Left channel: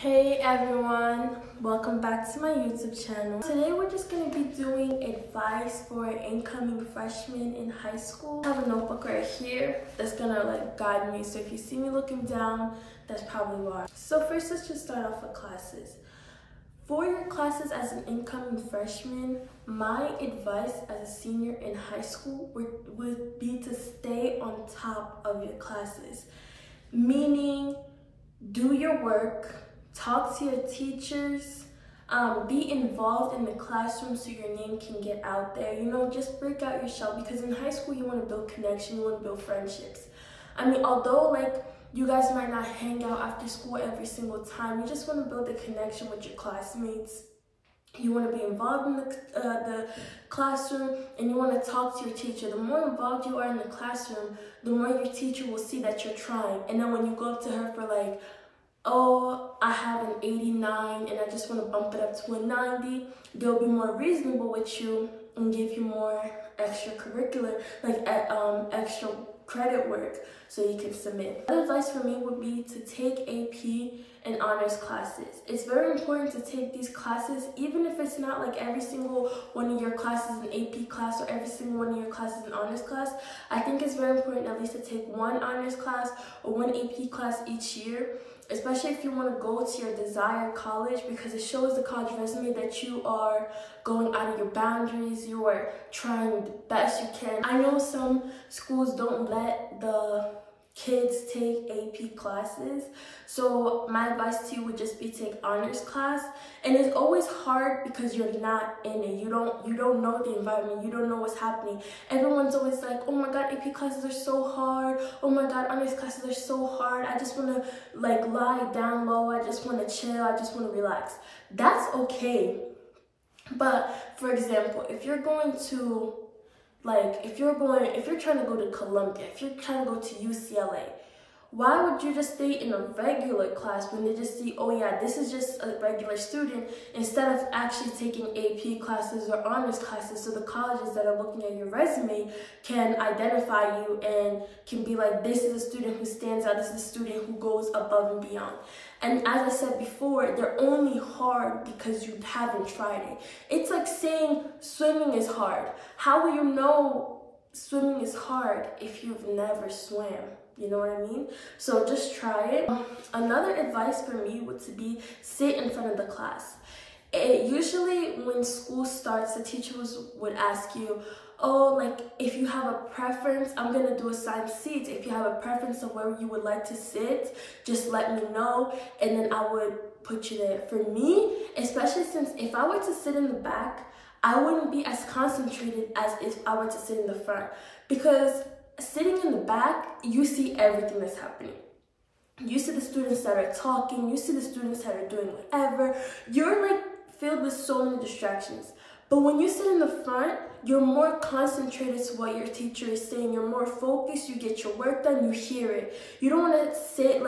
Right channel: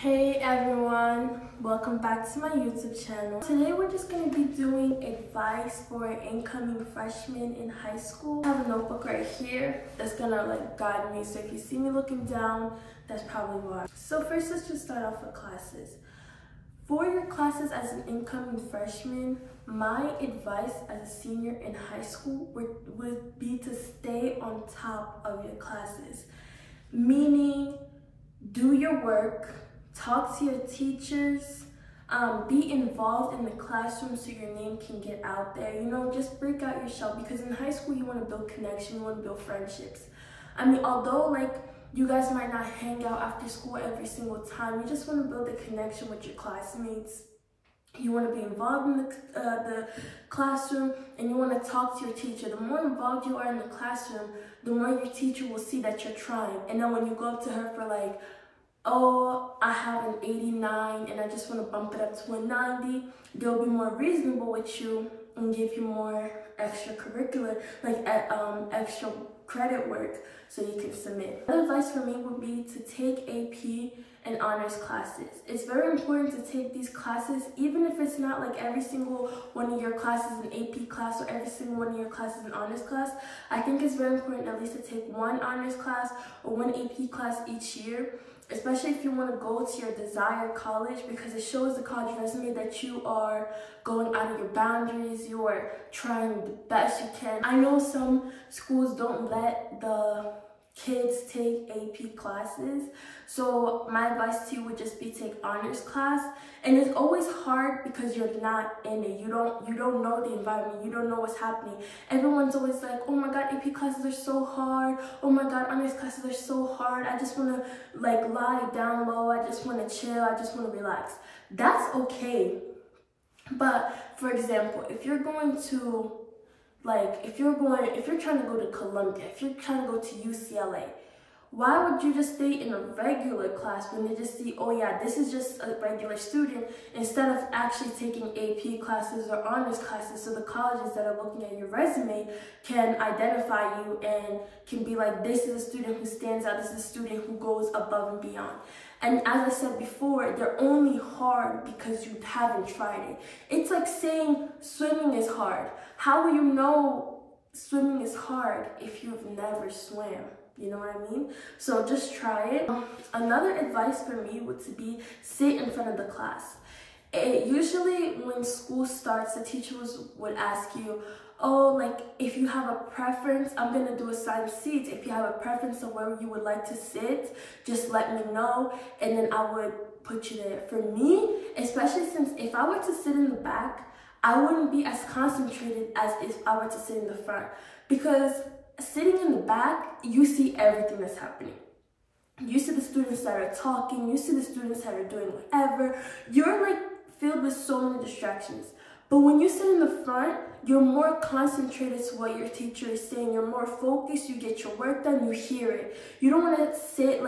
Hey everyone, welcome back to my YouTube channel. Today we're just going to be doing advice for incoming freshmen in high school. I have a notebook right here that's going to guide me, so if you see me looking down, that's probably why. So first, let's just start off with classes. For your classes as an incoming freshman, my advice as a senior in high school would be to stay on top of your classes. Meaning, do your work, talk to your teachers, be involved in the classroom so your name can get out there. You know, just break out your shell, because in high school you want to build connection, you want to build friendships. I mean, although you guys might not hang out after school every single time, you just want to build a connection with your classmates. You want to be involved in the classroom, and you want to talk to your teacher. The more involved you are in the classroom, the more your teacher will see that you're trying. And then when you go up to her for oh, I have an 89 and I just want to bump it up to a 90, they'll be more reasonable with you and give you more extracurricular, extra credit work so you can submit. Another advice for me would be to take AP and honors classes. It's very important to take these classes, even if it's not every single one of your classes an AP class or every single one of your classes an honors class. I think it's very important at least to take one honors class or one AP class each year, especially if you want to go to your desired college, because it shows the college resume that you are going out of your boundaries, you are trying the best you can. I know some schools don't let the kids take AP classes, so my advice to you would just be take honors class. And it's always hard because you're not in it. You don't know the environment, you don't know what's happening. Everyone's always like, oh my god, AP classes are so hard, oh my god, honors classes are so hard, I just want to lie down low, I just want to chill, I just want to relax. That's okay. But for example, if you're going to if you're trying to go to Columbia, if you're trying to go to UCLA, why would you just stay in a regular class when they just see, oh yeah, this is just a regular student, instead of actually taking AP classes or honors classes, so the colleges that are looking at your resume can identify you and can be like, this is a student who stands out, this is a student who goes above and beyond. And as I said before, they're only hard because you haven't tried it. It's like saying swimming is hard. How will you know swimming is hard if you've never swam? You know what I mean? So just try it. Another advice for me would be sit in front of the class. Usually when school starts, the teachers would ask you, oh, if you have a preference, I'm gonna do assigned seats. If you have a preference of where you would like to sit, just let me know, and then I would put you there. For me, especially since if I were to sit in the back, I wouldn't be as concentrated as if I were to sit in the front, because sitting in the back, you see everything that's happening. You see the students that are talking, you see the students that are doing whatever. You're filled with so many distractions. But when you sit in the front, you're more concentrated to what your teacher is saying. You're more focused, you get your work done, you hear it. You don't want to sit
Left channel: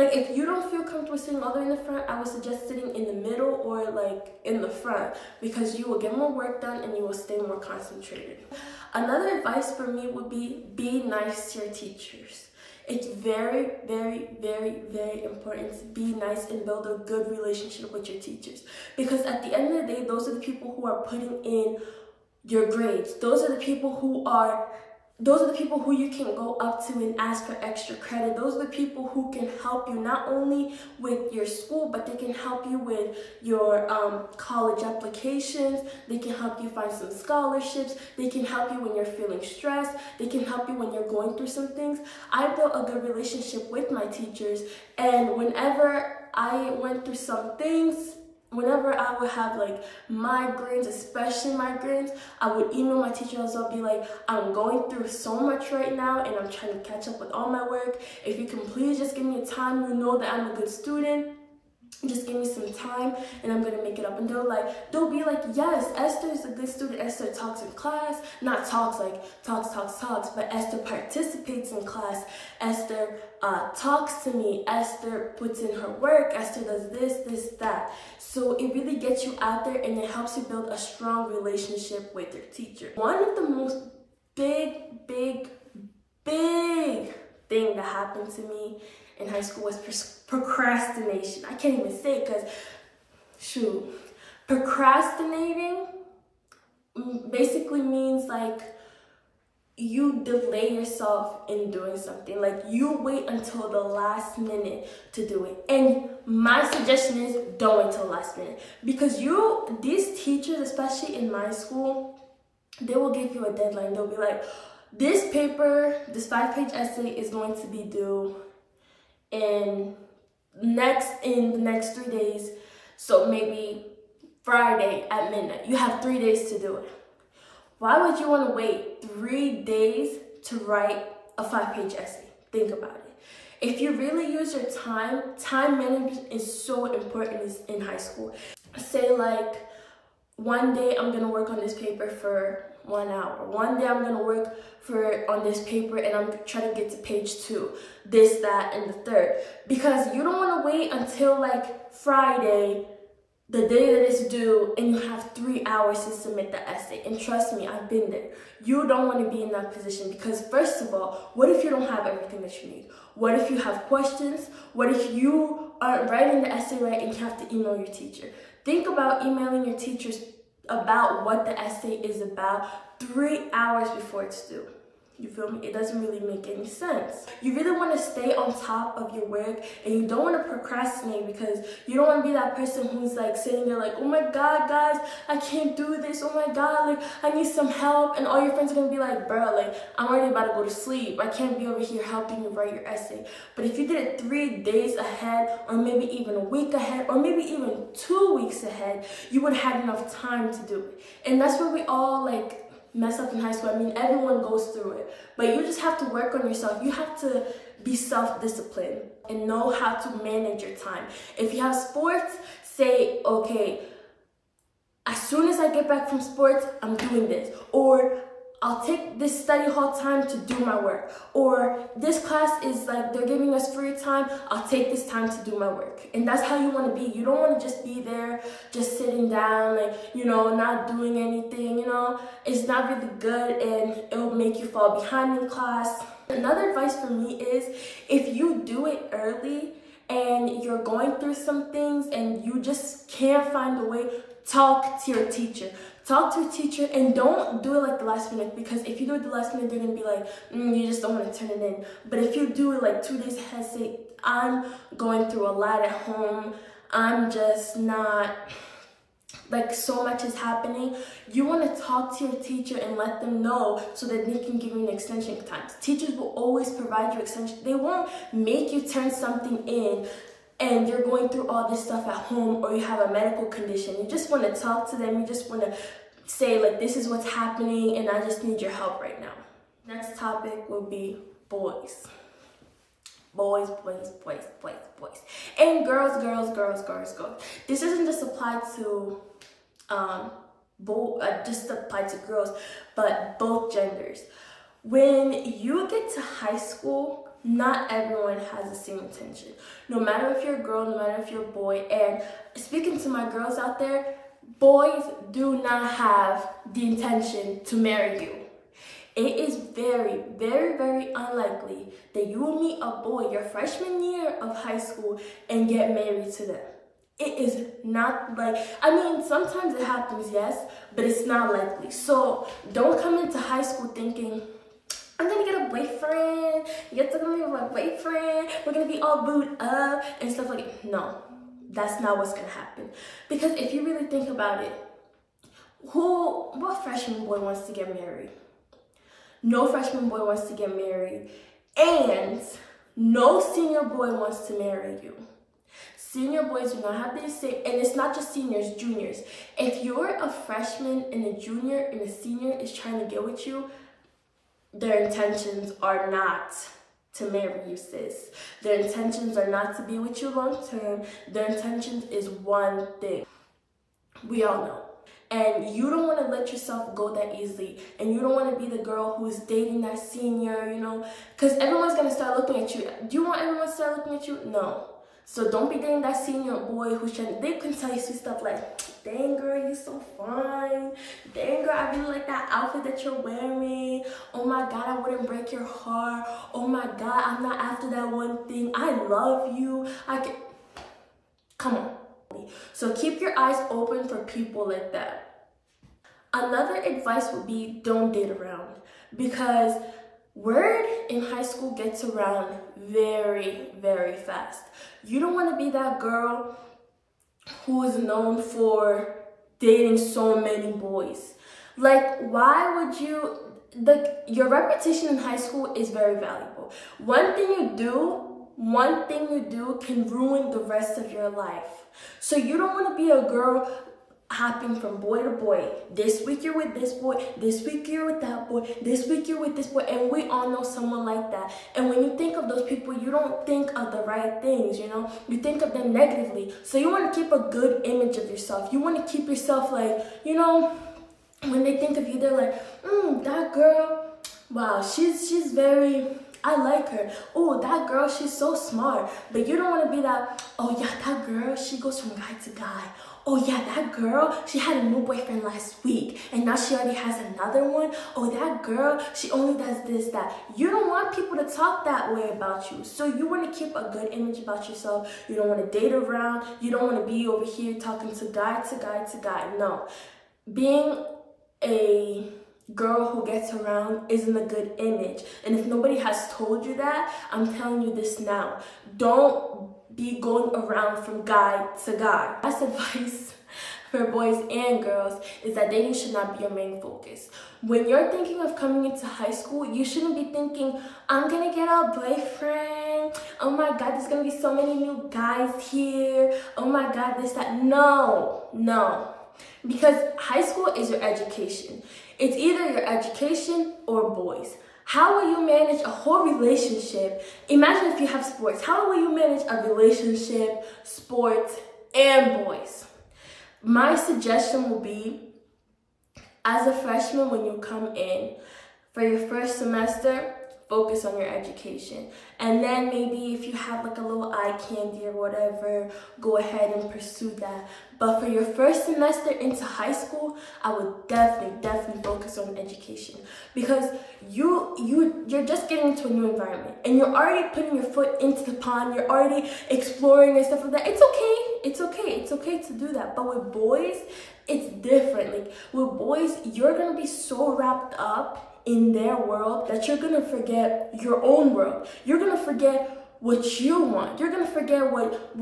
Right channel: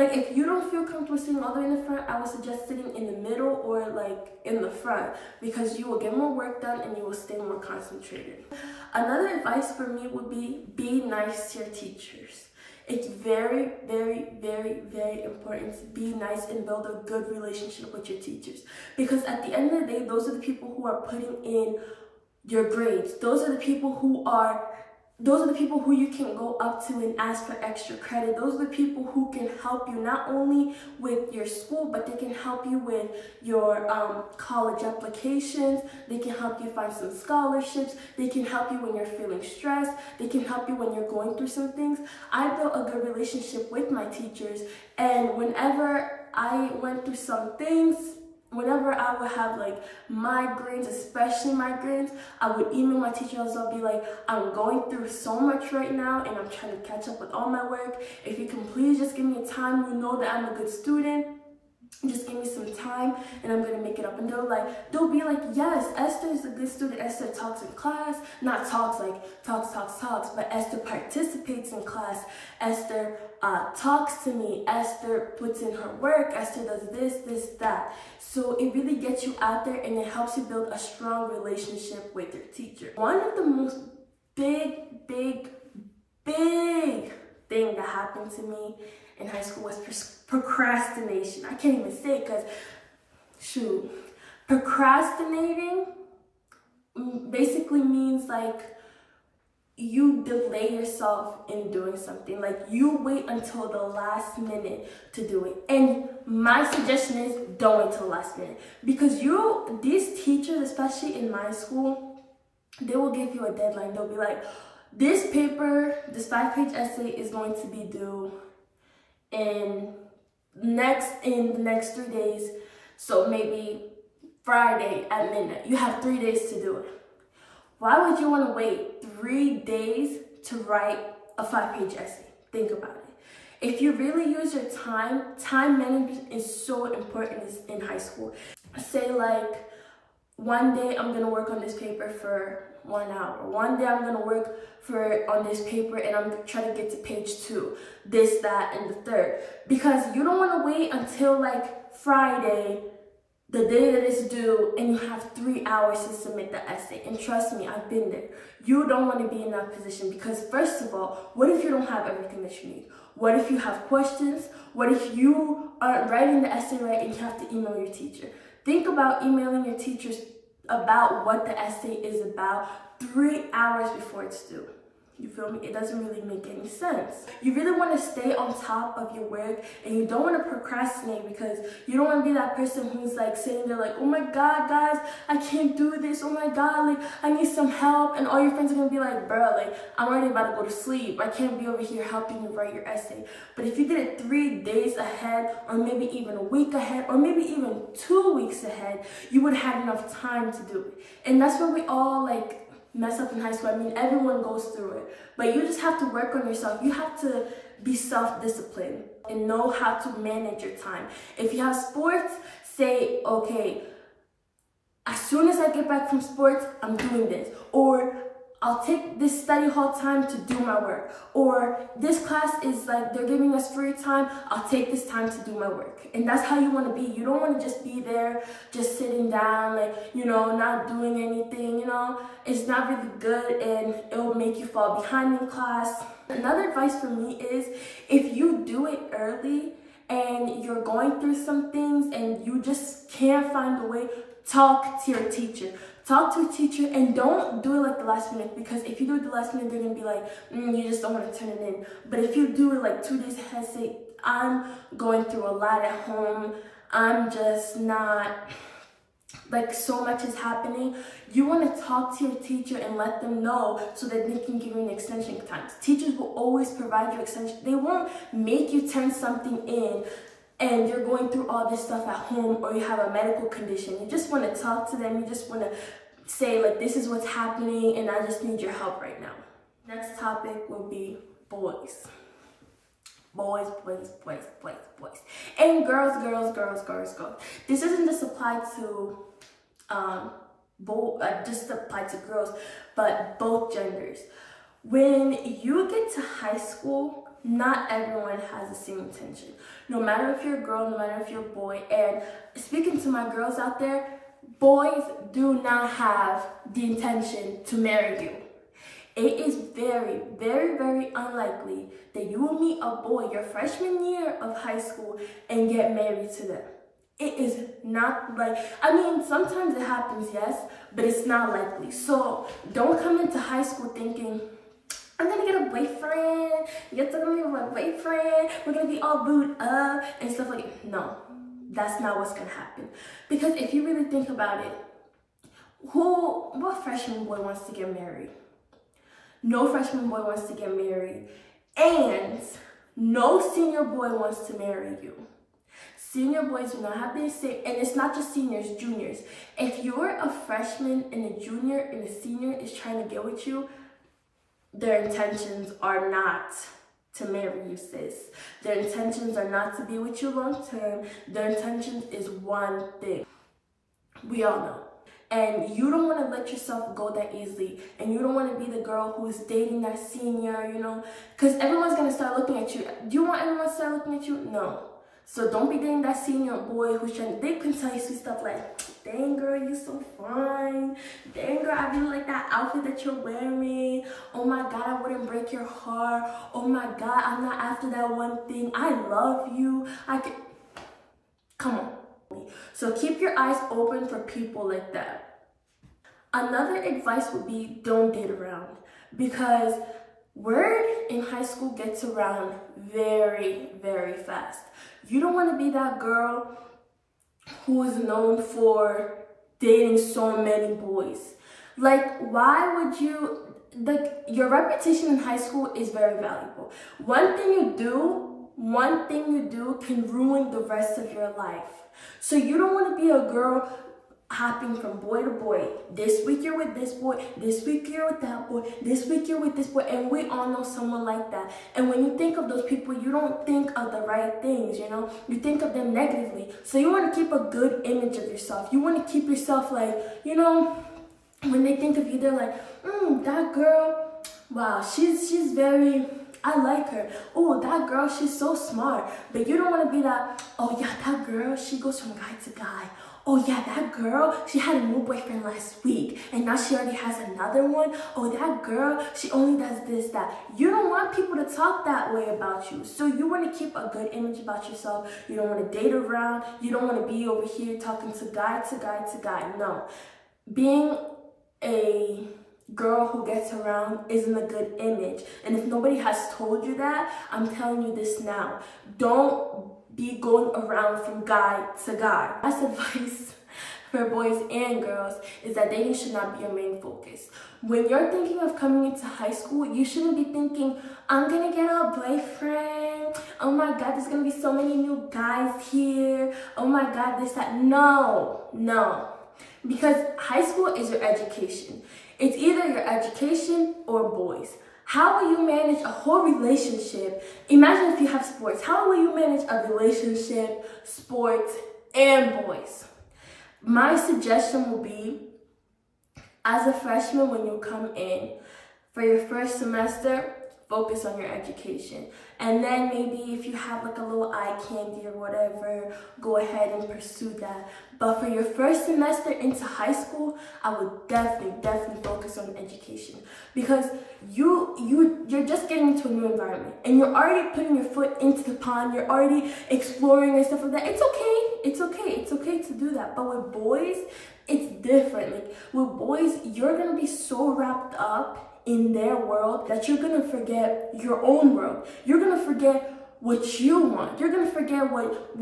if you don't feel comfortable sitting all the way in the front, I would suggest sitting in the middle or in the front, because you will get more work done and you will stay more concentrated. Another advice for me would be nice to your teachers. It's very, very, very, very important to be nice and build a good relationship with your teachers, because at the end of the day, those are the people who are putting in your grades. Those are the people who you can go up to and ask for extra credit. Those are the people who can help you not only with your school, but they can help you with your college applications. They can help you find some scholarships. They can help you when you're feeling stressed. They can help you when you're going through some things. I built a good relationship with my teachers, and whenever I went through some things, whenever I would have migraines, especially migraines, I would email my teachers. I'll be like, I'm going through so much right now and I'm trying to catch up with all my work. If you can please just give me time, you know that I'm a good student. Just give me some time and I'm gonna make it up. And they'll be like, yes, Esther is a good student. Esther talks in class, not talks talks, but Esther participates in class. Esther talks to me. Esther puts in her work. Esther does this, that. So it really gets you out there and it helps you build a strong relationship with your teacher. One of the most big thing that happened to me in high school was procrastination. I can't even say it because, shoot, procrastinating basically means like you delay yourself in doing something. Like you wait until the last minute to do it. And my suggestion is don't wait till the last minute, because these teachers, especially in my school, they will give you a deadline. They'll be like, this paper, this 5-page essay is going to be due in the next 3 days. So maybe Friday at midnight. You have 3 days to do it. Why would you want to wait 3 days to write a 5-page essay? Think about it. If you really use your time management is so important in high school. Say like, one day I'm going to work on this paper for 1 hour. One day I'm going to work on this paper and I'm trying to get to page 2. This, that, and the third. Because you don't want to wait until like Friday, the day that it's due, and you have 3 hours to submit the essay. And trust me, I've been there. You don't want to be in that position because, first of all, what if you don't have everything that you need? What if you have questions? What if you aren't writing the essay right and you have to email your teacher? Think about emailing your teachers about what the essay is about 3 hours before it's due. You feel me? It doesn't really make any sense. You really want to stay on top of your work and you don't want to procrastinate, because you don't want to be that person who's like sitting there like, oh my God, guys, I can't do this. Oh my God, like I need some help. And all your friends are going to be like, bro, like I'm already about to go to sleep. I can't be over here helping you write your essay. But if you did it 3 days ahead, or maybe even a week ahead, or maybe even 2 weeks ahead, you would have enough time to do it. And that's where we all like mess up in high school. I mean, everyone goes through it, but you just have to work on yourself. You have to be self-disciplined and know how to manage your time. If you have sports, say, okay, as soon as I get back from sports, I'm doing this, or I'll take this study hall time to do my work, or this class is like, they're giving us free time, I'll take this time to do my work. And that's how you want to be. You don't want to just be there, just sitting down, like, you know, not doing anything, you know. It's not really good and it will make you fall behind in class. Another advice for me is, if you do it early and you're going through some things and you just can't find a way, talk to your teacher. Talk to a teacher and don't do it like the last minute, because if you do it the last minute, they're going to be like, you just don't want to turn it in. But if you do it like 2 days ahead, say, I'm going through a lot at home, I'm just not, like so much is happening. You want to talk to your teacher and let them know so that they can give you an extension time. Teachers will always provide you extension. They won't make you turn something in and you're going through all this stuff at home, or you have a medical condition. You just want to talk to them. You just want to say like, this is what's happening and I just need your help right now. Next topic will be boys. Boys, boys, boys, boys, boys. And girls, girls, girls, girls, girls. This doesn't just apply to just apply to girls, but both genders. When you get to high school, not everyone has the same intention. No matter if you're a girl, no matter if you're a boy. And speaking to my girls out there, boys do not have the intention to marry you. It is very, very, very unlikely that you will meet a boy your freshman year of high school and get married to them. It is not like, I mean, sometimes it happens, yes, but it's not likely. So don't come into high school thinking, I'm gonna get a boyfriend, get to meet my boyfriend, we're gonna be all booed up and stuff like that. No, that's not what's gonna happen. Because if you really think about it, what freshman boy wants to get married? No freshman boy wants to get married, and no senior boy wants to marry you. Senior boys do not have the same, and it's not just seniors, juniors. If you're a freshman and a junior and a senior is trying to get with you, their intentions are not to marry you, sis. Their intentions are not to be with you long term. Their intentions is one thing. We all know. And you don't want to let yourself go that easily. And you don't want to be the girl who's dating that senior, you know. Because everyone's going to start looking at you. Do you want everyone to start looking at you? No. So don't be dating that senior boy who's they can tell you sweet stuff like, dang girl, you so fine. Dang girl, I really like that outfit that you're wearing. Oh my God, I wouldn't break your heart. Oh my God, I'm not after that one thing. I love you. Come on. So keep your eyes open for people like that. Another advice would be don't date around, because word in high school gets around very, very fast. You don't want to be that girl who is known for dating so many boys. Like, why would you, your reputation in high school is very valuable. One thing you do can ruin the rest of your life. So you don't want to be a girl hopping from boy to boy. This week you're with this boy, this week you're with that boy, this week you're with this boy, and we all know someone like that. And when you think of those people, you don't think of the right things, you know? You think of them negatively. So you want to keep a good image of yourself. You want to keep yourself like, you know, when they think of you, they're like, that girl, wow, she's very, I like her. Oh, that girl, she's so smart. But you don't want to be that, oh yeah, that girl, she goes from guy to guy. Oh yeah, that girl, she had a new boyfriend last week and now she already has another one. Oh, that girl, she only does this, that. You don't want people to talk that way about you. So you want to keep a good image about yourself. You don't want to date around. You don't want to be over here talking to guy to guy to guy. No. Being a girl who gets around isn't a good image. And if nobody has told you that, I'm telling you this now. Don't be going around from guy to guy. That's advice for boys and girls, is that dating should not be your main focus. When you're thinking of coming into high school, you shouldn't be thinking, I'm gonna get a boyfriend. Oh my God, there's gonna be so many new guys here. Oh my God, this, that. No. Because high school is your education. It's either your education or boys. How will you manage a whole relationship? Imagine if you have sports. How will you manage a relationship, sports, and boys? My suggestion will be, as a freshman, when you come in, for your first semester, focus on your education. And then maybe if you have like a little eye candy or whatever, go ahead and pursue that. But for your first semester into high school, I would definitely focus on education, because you're just getting into a new environment and you're already putting your foot into the pond. You're already exploring and stuff like that. It's okay to do that. But with boys, it's different. Like with boys, you're gonna be so wrapped up in their world that you're gonna forget your own world. You're gonna forget what you want. You're gonna forget what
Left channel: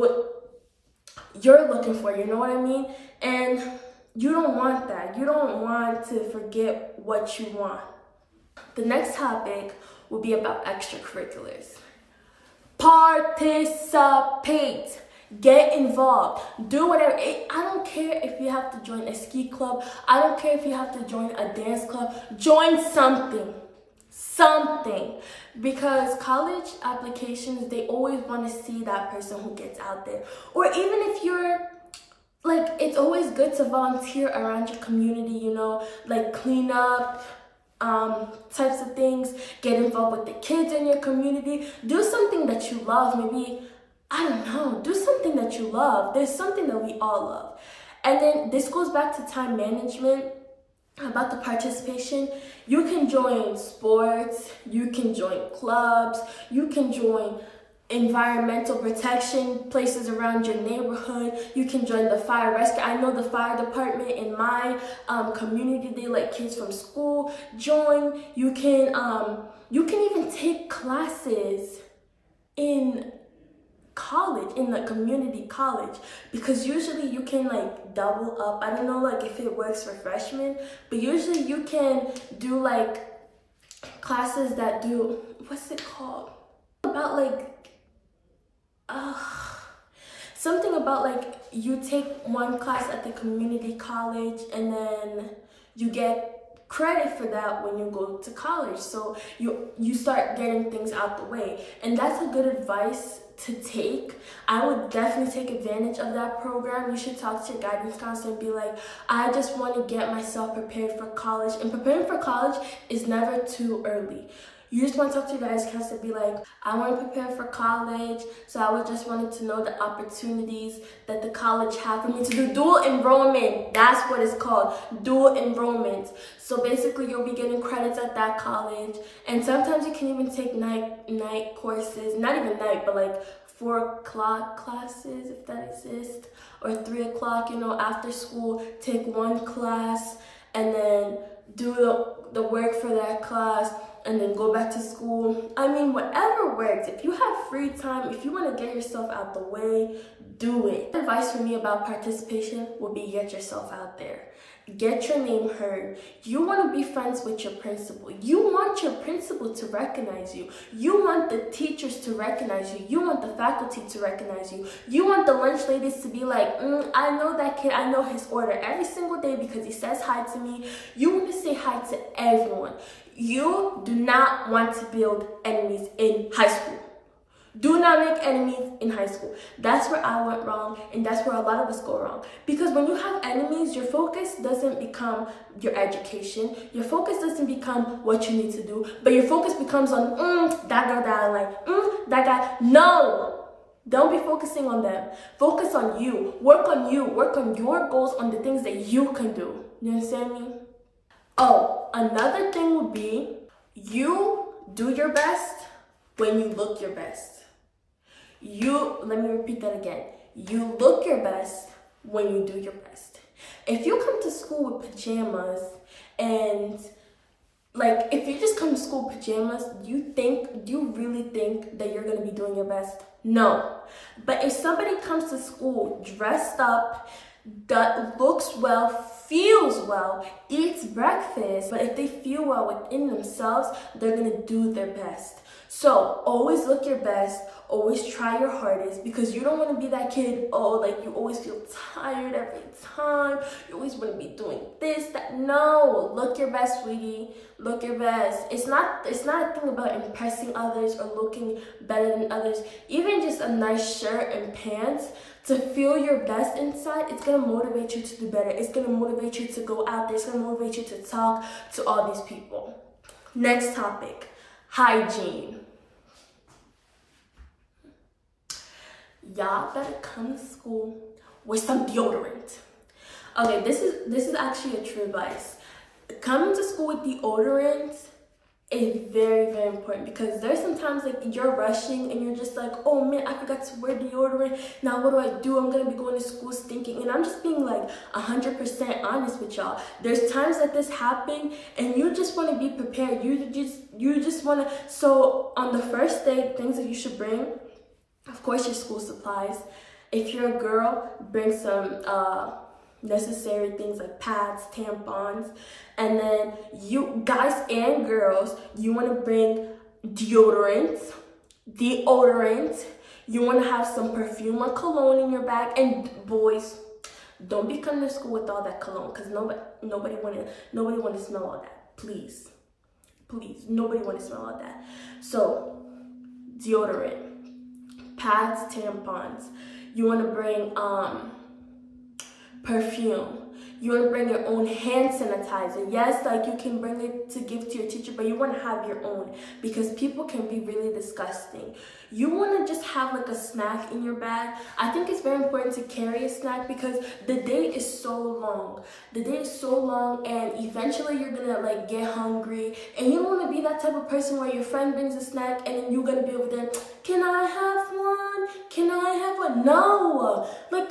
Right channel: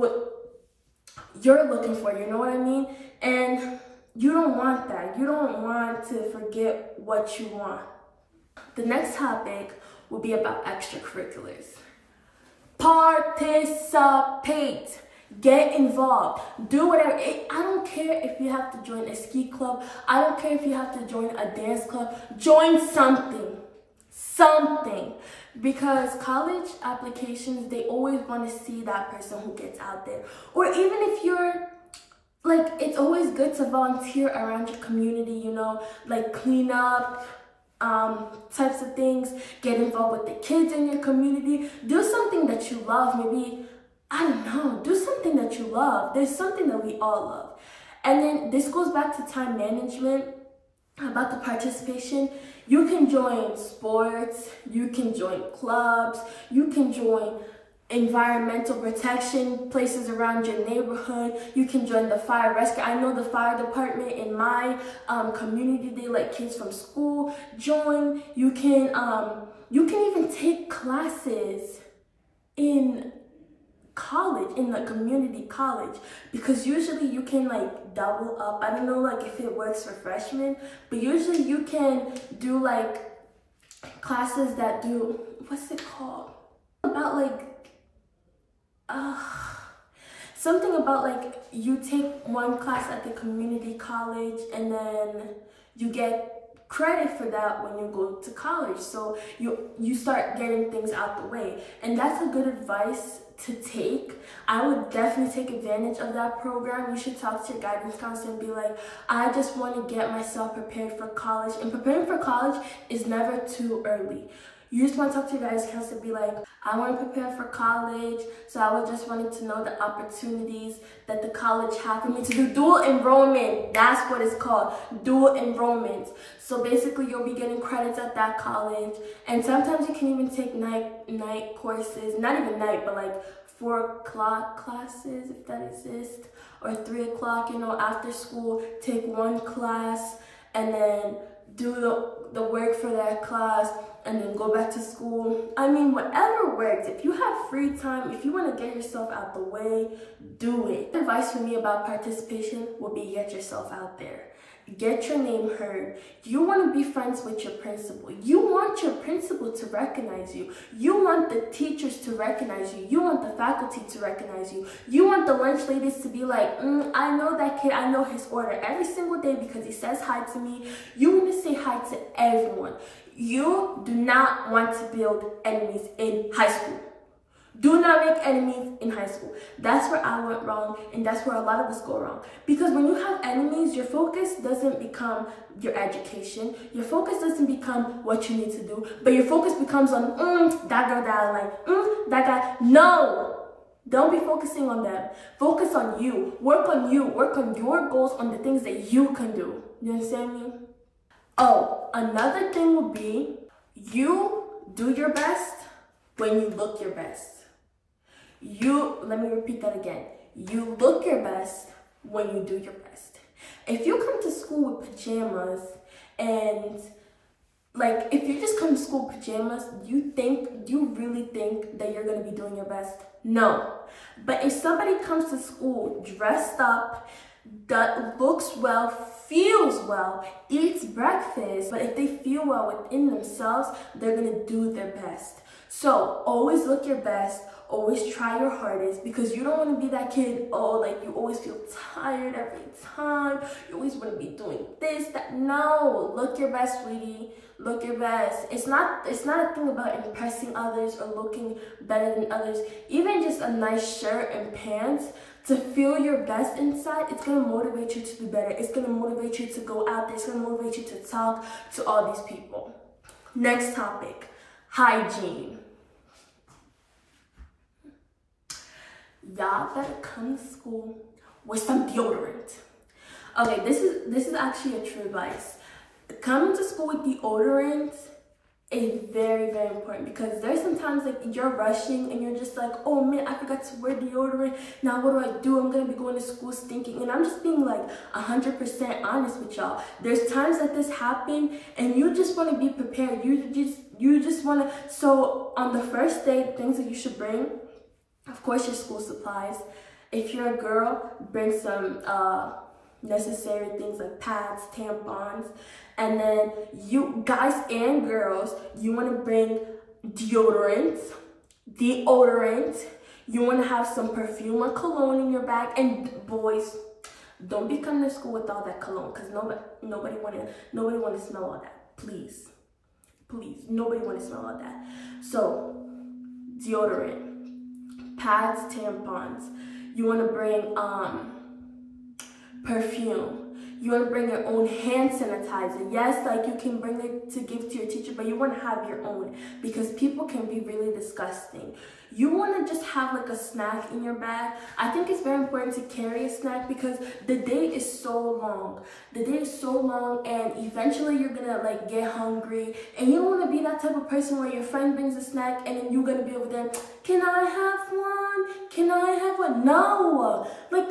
you're looking for, you know what I mean? And you don't want that. You don't want to forget what you want. The next topic will be about extracurriculars. Participate. Get involved. Do whatever. I don't care if you have to join a ski club. I don't care if you have to join a dance club. Join something. Because college applications, they always want to see that person who gets out there. Or even if you're like, it's always good to volunteer around your community, you know, like clean up, types of things. Get involved with the kids in your community. Do something that you love. Maybe, I don't know, do something that you love. There's something that we all love. And then this goes back to time management, about the participation. You can join sports, you can join clubs, you can join environmental protection places around your neighborhood. You can join the fire rescue. I know the fire department in my community, they let kids from school join. You can even take classes in college, in the community college, because usually you can like double up. I don't know like if it works for freshmen, but usually you can do like classes that do, what's it called, about like something about like you take one class at the community college and then you get credit for that when you go to college. So you start getting things out the way, and that's a good advice to take. I would definitely take advantage of that program. You should talk to your guidance counselor and be like, I just want to get myself prepared for college. And preparing for college is never too early. You just want to talk to your guidance counselor, be like, I want to prepare for college, so I would just wanted to know the opportunities that the college have for me to do dual enrollment. That's what it's called, dual enrollment. So basically, you'll be getting credits at that college, and sometimes you can even take night courses, not even night, but like 4 o'clock classes, if that exists, or 3 o'clock, you know, after school, take 1 class, and then do the work for that class, and then go back to school. I mean, whatever works. If you have free time, if you want to get yourself out the way, do it. Advice for me about participation will be get yourself out there. Get your name heard. You want to be friends with your principal. You want your principal to recognize you. You want the teachers to recognize you. You want the faculty to recognize you. You want the lunch ladies to be like, I know that kid. I know his order every single day because he says hi to me. You want to say hi to everyone. You do not want to build enemies in high school. Do not make enemies in high school. That's where I went wrong, and that's where a lot of us go wrong. Because when you have enemies, your focus doesn't become your education. Your focus doesn't become what you need to do, but your focus becomes on, that girl that I like, that guy. No! Don't be focusing on them. Focus on you. Work on you. Work on your goals, on the things that you can do. You understand me? Oh, another thing would be, you do your best when you look your best. Let me repeat that again. You look your best when you do your best. If you come to school with pajamas and like, if you just come to school with pajamas, you really think that you're going to be doing your best? No. But if somebody comes to school dressed up, that looks well, feels well, eats breakfast, but if they feel well within themselves, they're going to do their best. So always look your best. Always try your hardest, because you don't want to be that kid, like you always feel tired every time. You always want to be doing this, that. No, look your best, sweetie. Look your best. It's not a thing about impressing others or looking better than others. Even just a nice shirt and pants, to feel your best inside, it's going to motivate you to do better. It's going to motivate you to go out there. It's going to motivate you to talk to all these people. Next topic, hygiene. Y'all better come to school with some deodorant. Okay, this is actually a true advice. Coming to school with deodorant is very, very important, because there's sometimes like you're rushing and you're just like, oh man, I forgot to wear deodorant. Now what do? I'm gonna be going to school stinking. And I'm just being like 100% honest with y'all. There's times that this happen and you just want to be prepared. You just want to. So on the first day, things that you should bring, of course, your school supplies. If you're a girl, bring some necessary things like pads, tampons. And then you guys and girls, you want to bring deodorant. You want to have some perfume or cologne in your bag. And boys, don't be coming to school with all that cologne, because nobody want to smell all that. Please, nobody want to smell all that. So deodorant, pads, tampons. You want to bring perfume. You want to bring your own hand sanitizer. Yes, like you can bring it to give to your teacher, but you want to have your own, because people can be really disgusting. You want to just have like a snack in your bag. I think it's very important to carry a snack, because the day is so long. The day is so long, and eventually you're gonna like get hungry, and you don't want to be that type of person where your friend brings a snack and then you're gonna be over there, can I have one? Can I have one? No, like,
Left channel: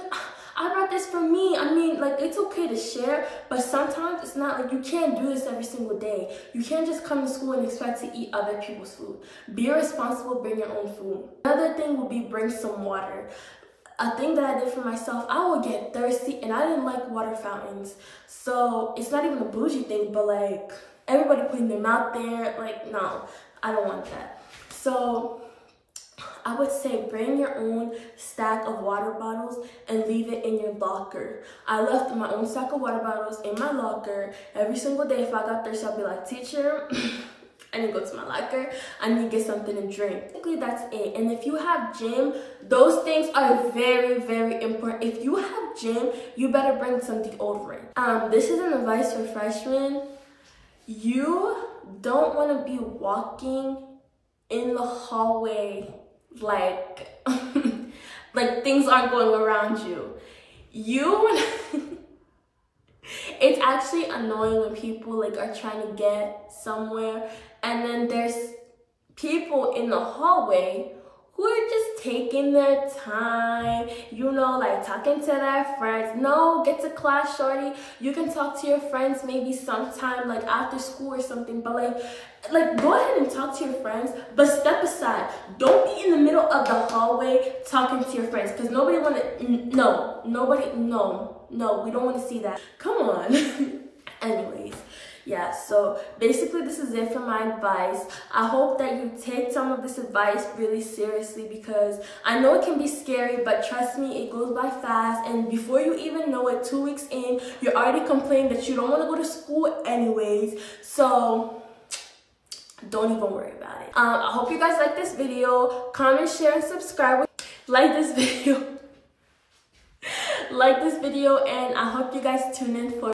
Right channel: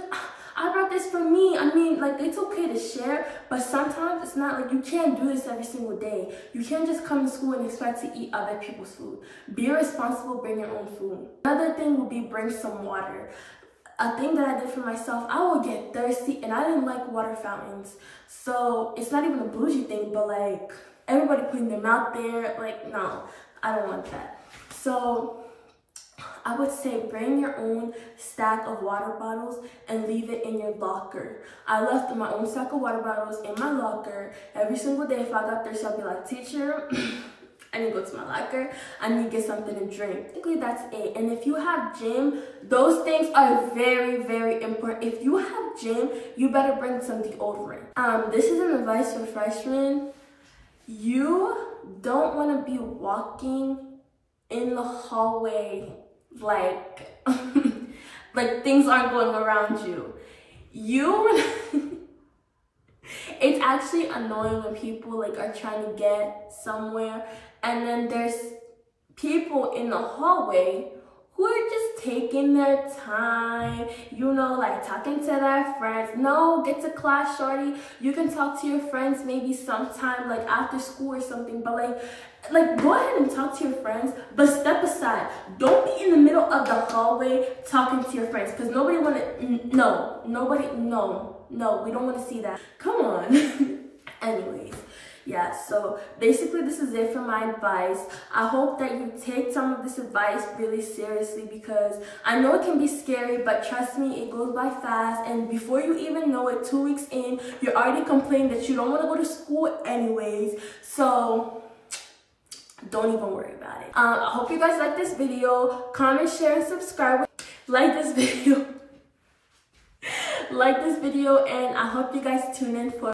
I brought this for me. I mean, like, it's okay to share, but sometimes it's not like, you can't do this every single day. You can't just come to school and expect to eat other people's food. Be responsible, bring your own food. Another thing would be bring some water. A thing that I did for myself, I would get thirsty and I didn't like water fountains. So it's not even a bougie thing, but like everybody putting their mouth there, like, no, I don't want that. So I would say bring your own stack of water bottles and leave it in your locker. I left my own stack of water bottles in my locker every single day. If I got thirsty, I'd be like, teacher, I need to go to my locker. I need to get something to drink. Basically, that's it. And if you have gym, those things are very, very important. If you have gym, you better bring some deodorant. This is an advice for freshmen. You don't want to be walking in the hallway like like things aren't going around you. It's actually annoying when people like are trying to get somewhere and then there's people in the hallway who are just taking their time, you know, like talking to their friends. No, get to class, shorty. You can talk to your friends maybe sometime, like after school or something, but like go ahead and talk to your friends, but step aside. Don't be in the middle of the hallway talking to your friends, because nobody want to, no, we don't want to see that. Come on. Anyways. Yeah, so basically this is it for my advice. I hope that you take some of this advice really seriously, because I know it can be scary, but trust me, it goes by fast. And before you even know it, 2 weeks in, you're already complaining that you don't want to go to school anyways. So don't even worry about it. I hope you guys like this video. Comment, share, and subscribe. Like this video. Like this video, and I hope you guys tune in for